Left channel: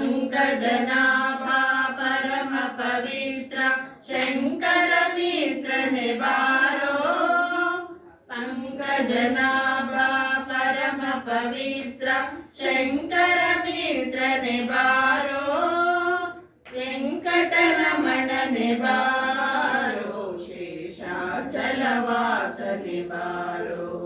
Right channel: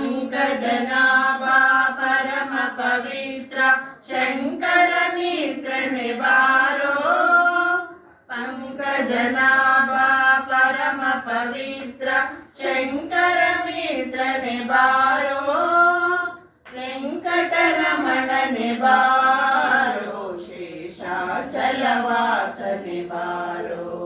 पङ्कजनाभा परम पवित्र शङ्करमित्र निवारो पङ्कजनाभा परम पवित्र शङ्करमित्र निवारो वेङ्कटरमण निवारो शेषाचलवास निवारो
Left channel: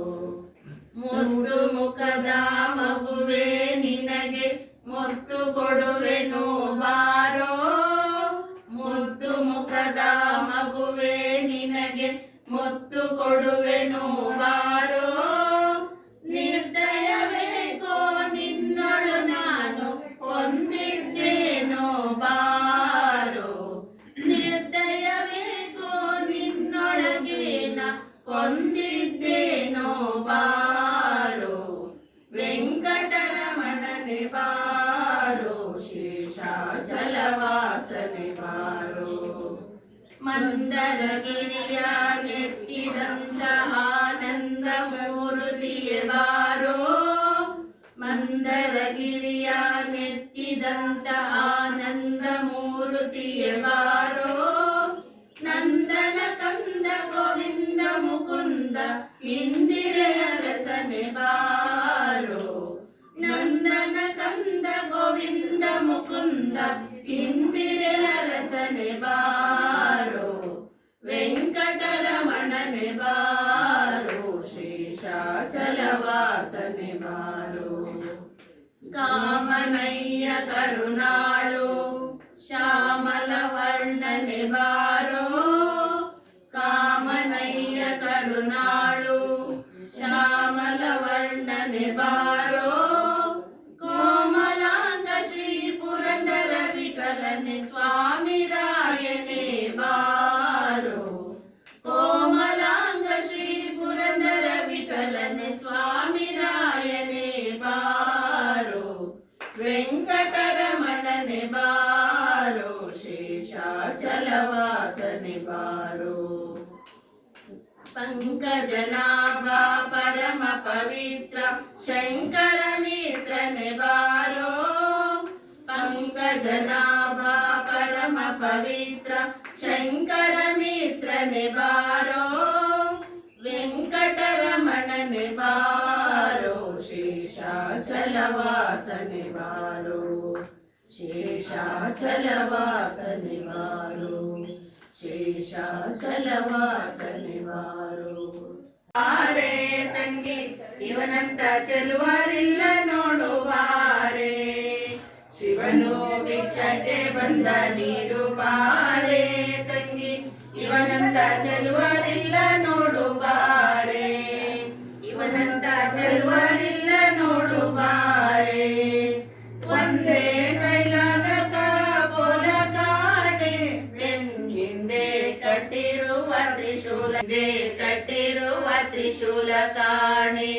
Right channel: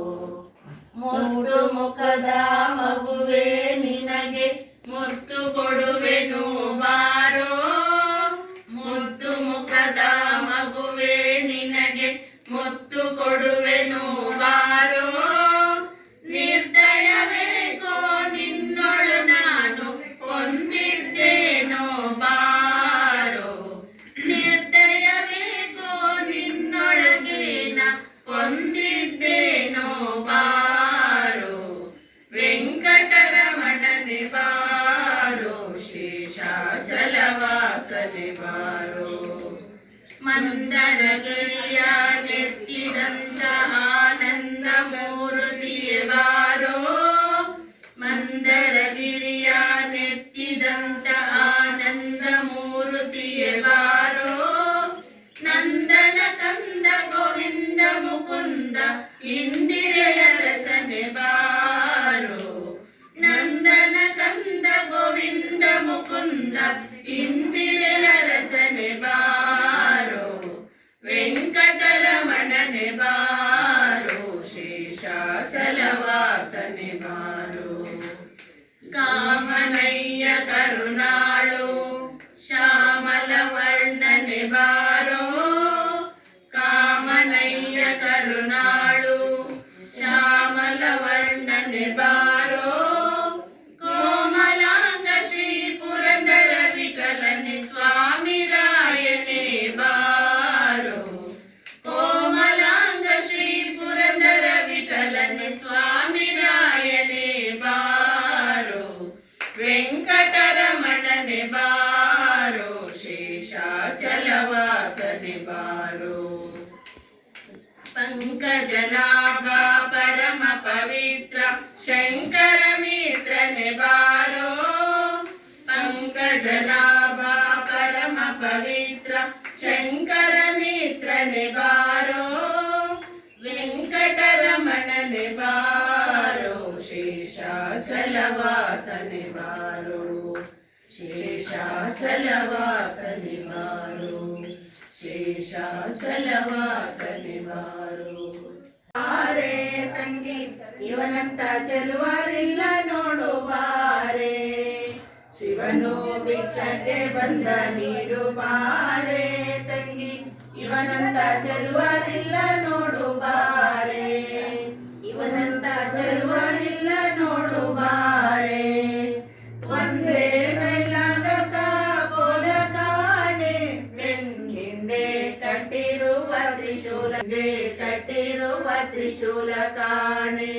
ಮುದ್ದು ಮುಖದ ಮಗುವೆ ನಿನಗೆ ಮುತ್ತು ಕೊಡುವೆನು ಬಾರೋ मारो शेषाचलवासने मारो मन्दरगिर्या नित्यदन्त आनन्दमूर्तिये वारो मन्दरगिर्या नित्यदन्त आनन्द ಮುಕುಂದ ಇಂದಿರೆಯ ರಸನೆ ಬಾರೋ ವೆಂಕಟರಮಣನೆ ಬಾರೋ ಶೇಷಾಚಲವಾಸನೆ ಬಾರೋ ಕಾಮನಯ್ಯ ಕರುಣಾಳು ಶ್ಯಾಮಲ ವರ್ಣನೆ ಬಾರೋ వలన స్వామి రాయనే బారో. వెంకటరమణని బారో. శేషాచలవాసని బారో. పంకజనాభా పరమ పవిత్ర శంకర మిత్రని బారో. పంకజనాభా పరమ పవిత్ర శంకర మిత్రని బారో. ಶಂಕರ ಶೇಷ ಚಲವಾಸ ವೆಂಕಟರಮಣನೆ ಶೇಷ ಚಲವಾಸ ಬಾರೋ ಶೇಷ ಚಲವಾಸ ಶೇಷಾಚಲವಾಸನೆ ಆರೆ ತಂಗಿ, ಇವನಂತ ಚೆಲುವರಿಲ್ಲ ನೋಡು ಬಾರೆ ಶಿವನು ಭಿಕ್ಷತೆ ಬಂದ ನೀಡು ಬಾರೆ ತಂಗಿ, ಇವನಂತ ಚೆಲುವರಿಲ್ಲ ಕಾಣೆ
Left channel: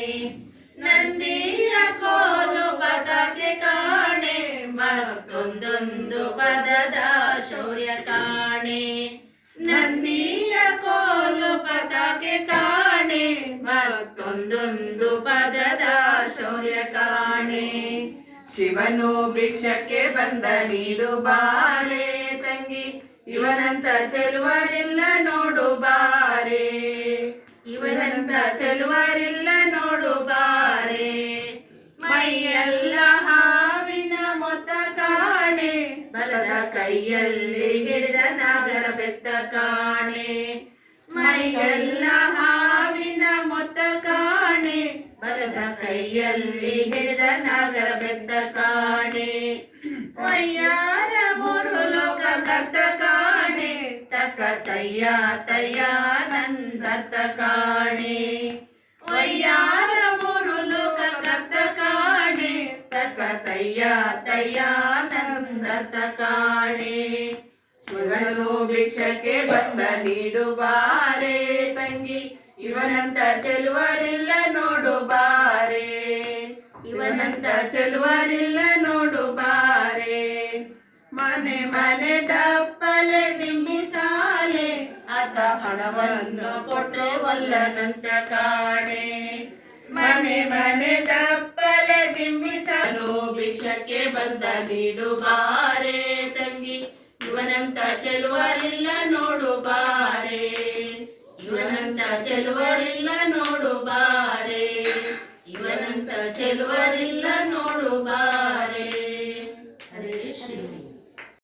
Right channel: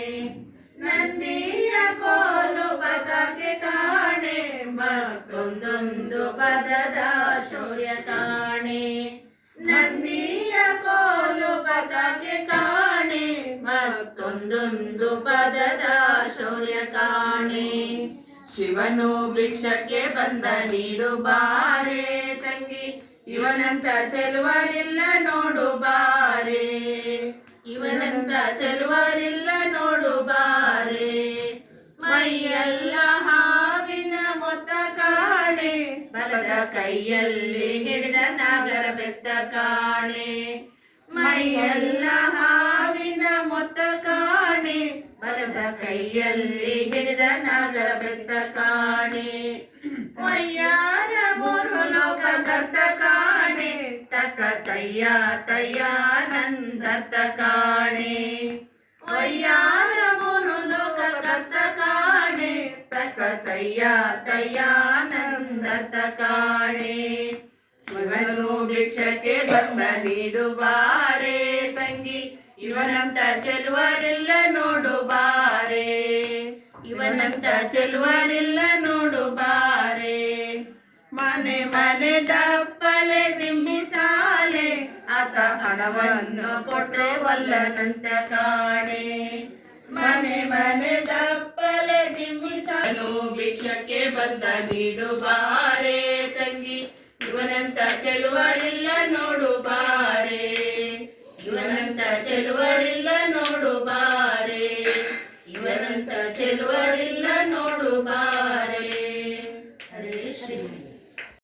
ನಂದಿಯ ಕೋಲು ಪದಕ್ಕೆ ಕಾಣೆ, ಮತ್ತೊಂದೊಂದು ಪದದ ಶೌರ್ಯ ಕಾಣೆ ನಂದಿಯ ಕೋಲು ಪದಕ್ಕೆ ಕಾಣೆ, ಮತ್ತೊಂದೊಂದು ಪದದ ಶೌರ್ಯ ಕಾಣೆ ಶಿವನು ಭಿಕ್ಷಕ್ಕೆ ಬಂದ ನೀಡು ಬಾರೆ, ತಂಗಿ ಇವನಂತ ಚೆಲುವರಿಲ್ಲ ನೋಡು ಬಾರೆ. ಇವನಂತ ಚೆಲುವರಿಲ್ಲ ನೋಡು ಬಾರೆ. ಮೈಯೆಲ್ಲ ಹಾವಿನ ಮೊತ್ತ ಕಾಣೆ. ಬಲದ ಕೈಯಲ್ಲಿ ಹಿಡಿದ ನಾಗರ ಬೆತ್ತ ಕಾಣೆ. ಮೈಯೆಲ್ಲ ಹಾವಿನ ಮೊತ್ತ ಕಾಣೆ. ಬಲದ ಕೈಯಲ್ಲಿ ಹಿಡಿದ ನಾಗರ ಬೆತ್ತ ಕಾಣೆ. ಮೈಯಾರ ಮೂರು ಲೋಕ ಕರ್ತ ತಕ್ಕ ತಯ್ಯ ತಯ್ಯ ನಂದರ್ಥ ಕಾಣೆ ವಯ್ಯಾರ ಮೂರು ಲೋಕ ಕರ್ತ ಕಾಣೆ ತಕ್ಕ ತಯ್ಯ ತಯ್ಯ ನಂದರ್ಥ ಕಾಣೆ ಶಿವನು ಭಿಕ್ಷಕ್ಕೆ ಬಂದ ನೀಡು ಬಾರೆ ತಂಗಿ ಇವನಂತ ಚೆಲುವರಿಲ್ಲ ನೋಡು ಬಾರೆ ಇವನಂತ ಚೆಲುವರಿಲ್ಲ ನೋಡು ಬಾರೆ ಮನೆ ದಪ್ಪಲೆ ದಿಮ್ಮಿಸಾಲೆ ಆತ ಹಣವನ್ನು ಕೊಟ್ರೆ ವಲ್ಲನಂತ ಕಾಣೆ. ಮನೆ ಮನೆ ದಪ್ಪಲೆ ದಿಮ್ಮಿ ದಿಮ್ಮಿಸಲು ಭಿಕ್ಷಕ್ಕೆ ಬಂದ ನೀಡು ಬಾರೆ. ತಂಗಿ, ಇವನಂತ ಚೆಲುವರಿಲ್ಲ ನೋಡು ಬಾರೆ. ಇವನಂತ ಚೆಲುವರಿಲ್ಲ ನೋಡು ಬಾರೆ. ಇವನಂತ ಚೆಲುವರಿಲ್ಲ ನೋಡು ಬಾರೆ.